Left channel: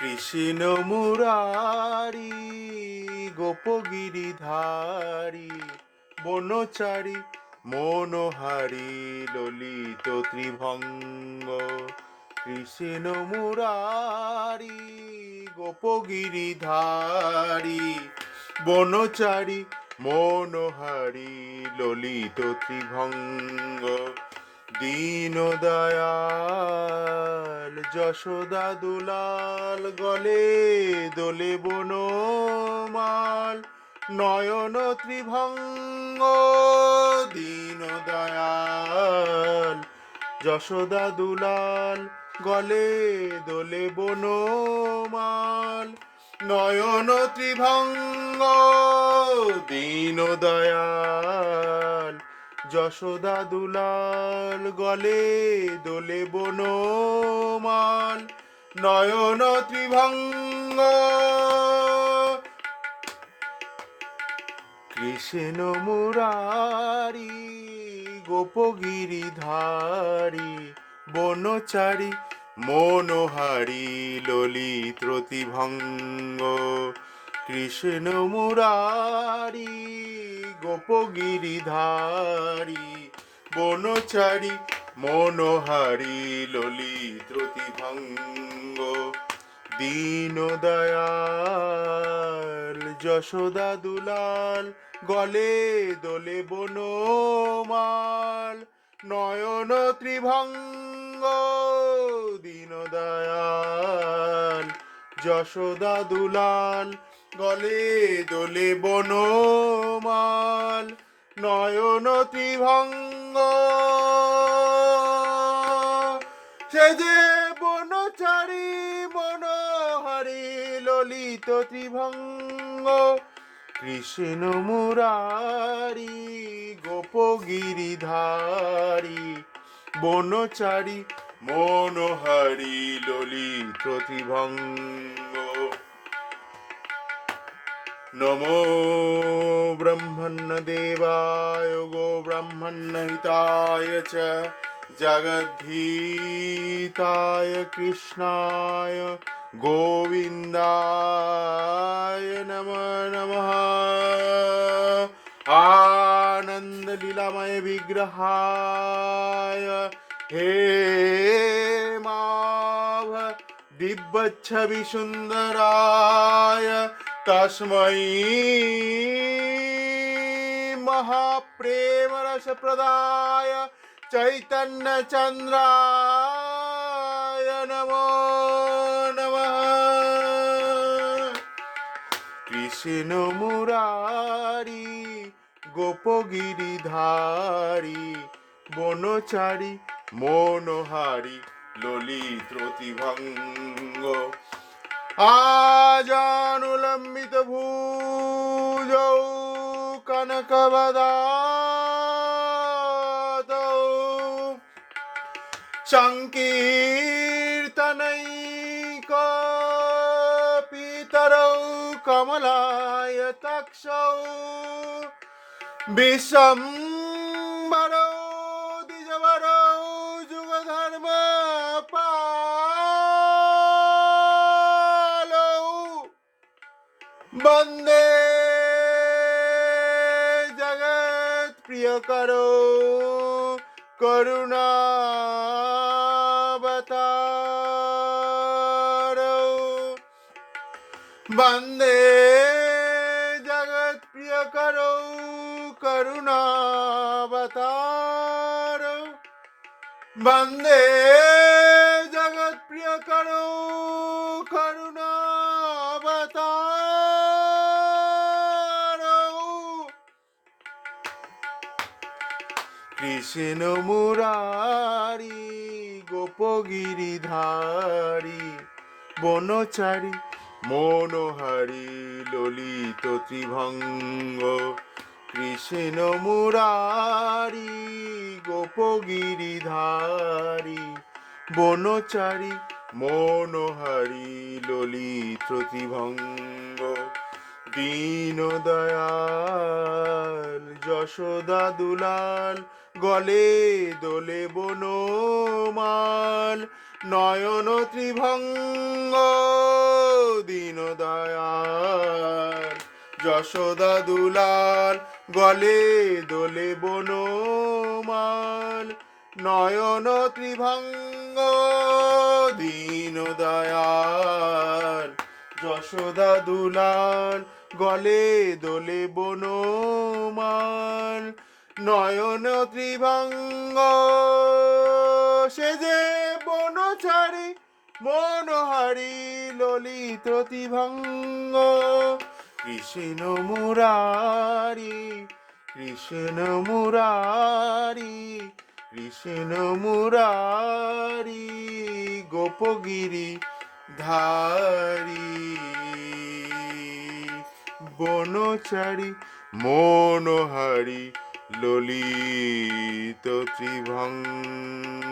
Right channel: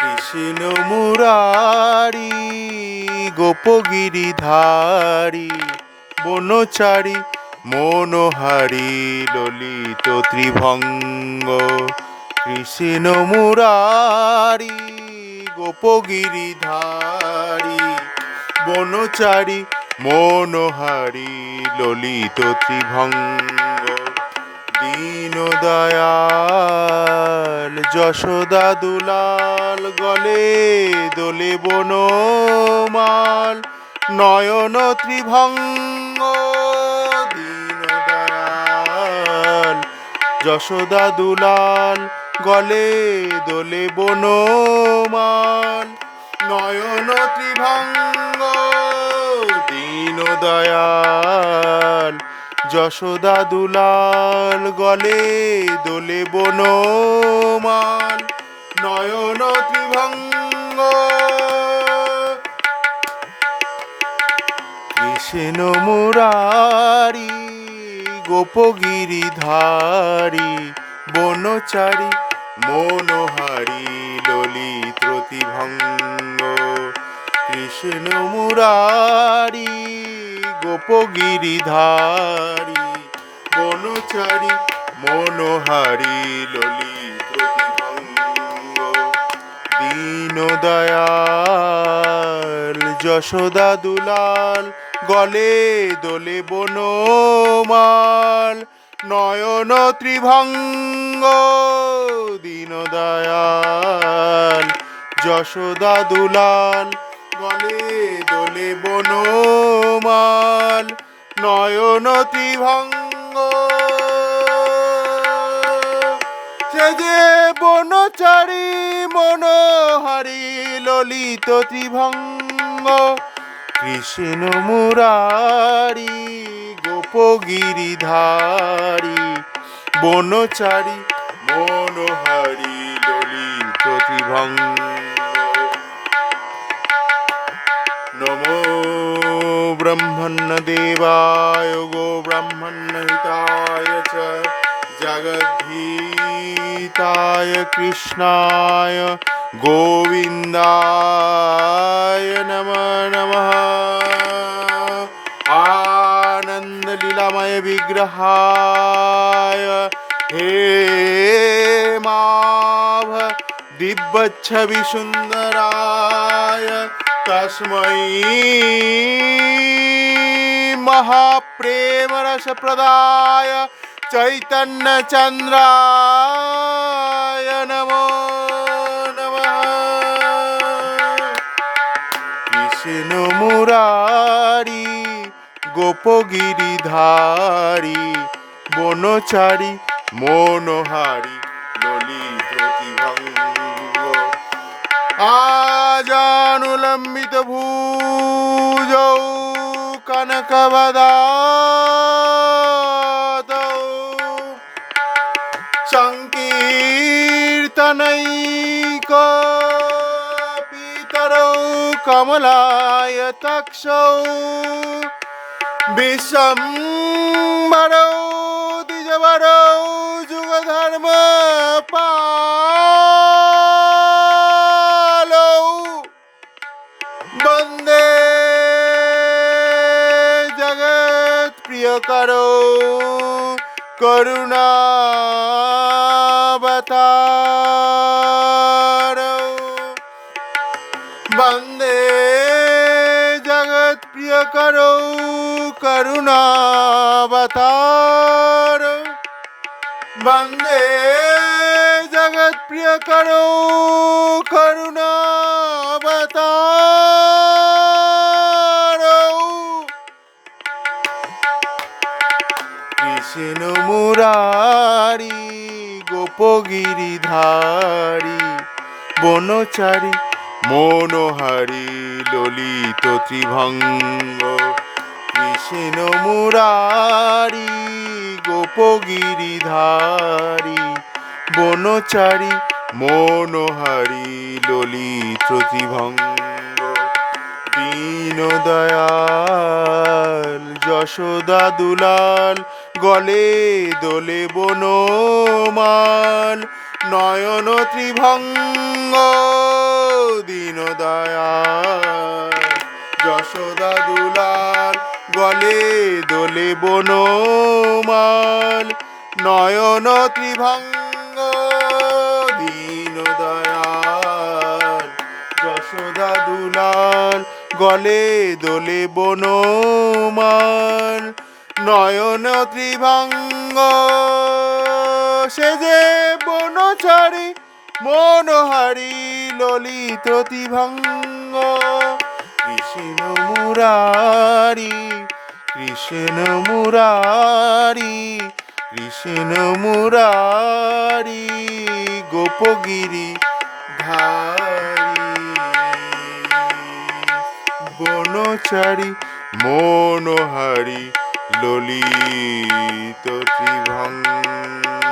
কৃষ্ণ মুরারি গোপগিরিধারী বনচারী মনোহারি ললিত ত্রিভঙ্গ। কৃষ্ণ মুরারি গোপগিরিধারী বনচারী মনোহারি ললিত ত্রিভঙ্গ। দীন দয়াল যশোদা দুলাল, গলে দোলে বনমাল, নয়ন ত্রিভঙ্গ দীন দয়াল যশোদা দুলাল, গলে দোলে বনমাল, নয়ন ত্রিভঙ্গ দীন দয়াল যশোদা দুলাল গলে দোলে বনমাল নয়ন ত্রিভঙ্গ। কৃষ্ণ মুরারি গোপগিরিধারী বনচারী মনোহারি ললিত ত্রিভঙ্গ কৃষ্ণ মুরারি, গোপগিরিধারী, বনচারী, মনোহারি, ললিত ত্রিভঙ্গ দীন দয়াল যশোদা দুলাল, গলে দোলে বনমাল, নয়ন ত্রিভঙ্গ দীন দয়াল যশোদা দুলাল গলে দোলে বনমাল নয়ন ত্রিভঙ্গ। সে যে বনচারী মনোহারি ললিত ত্রিভঙ্গ, কৃষ্ণ মুরারি গোপগিরিধারী। বনচারী মনোহারি ললিত ত্রিভঙ্গ। নমো ব্রহ্মণ্যদেবায় গো ব্রহ্মণ্যহিতায় চ জগদ্ধিতায় কৃষ্ণায় গোবিন্দায় নম নমঃ আনন্দলীলাময় বিগ্রহায় হে মাভ দিব্যচ্ছবি तस्मै महाप्रेमरसप्रदाय चैतन्यचन्द्राय नमो नमः विष्णुमुरारी গোপগিরিধারী বনচারী মনোহারী ললিত প্রতিভঙ্গ আজানুলম্বিত ভূজৌ কনকবদাতৌ সংকীর্তনৈক পিতরৌ কমলায় তক্ষৌ বিশ্বম্বরৌ দ্বিজবরৌ বন্দে জগৎ প্রিয় করো, করুণাবতারো। বন্দে জগৎ প্রিয় করো, করুণাবতার। বন্দে জগৎ প্রিয় করো, করুণাবতার। কৃষ্ণ মুরারি গোপগিরিধারী বনচারী, মনোহারি, ললিত ত্রিভঙ্গ। কৃষ্ণ মুরারি গোপগিরিধারী বনচারী, মনোহারি, ললিত ত্রিভঙ্গ। দীন দয়াল যশোদা দুলাল, গলে দোলে বনমাল। নয়ন ত্রিভঙ্গ দীনদয়াল যশোদা দুলাল, গলে দোলে বনমাল। নয়ন ত্রিভঙ্গ দীনদয়াল যশোদা দুলাল গলে দোলে বনমাল, নয়ন ত্রিভাঙ্গ। সে যে বনচারী মনোহারি ললিত ত্রিভাঙ্গ। কৃষ্ণ মুরারি কৃষ্ণ মুরারি কৃষ্ণ মুরারি, গোপগিরি ধারি। বনচারী মনোহারি ললিত ত্রিভঙ্গ।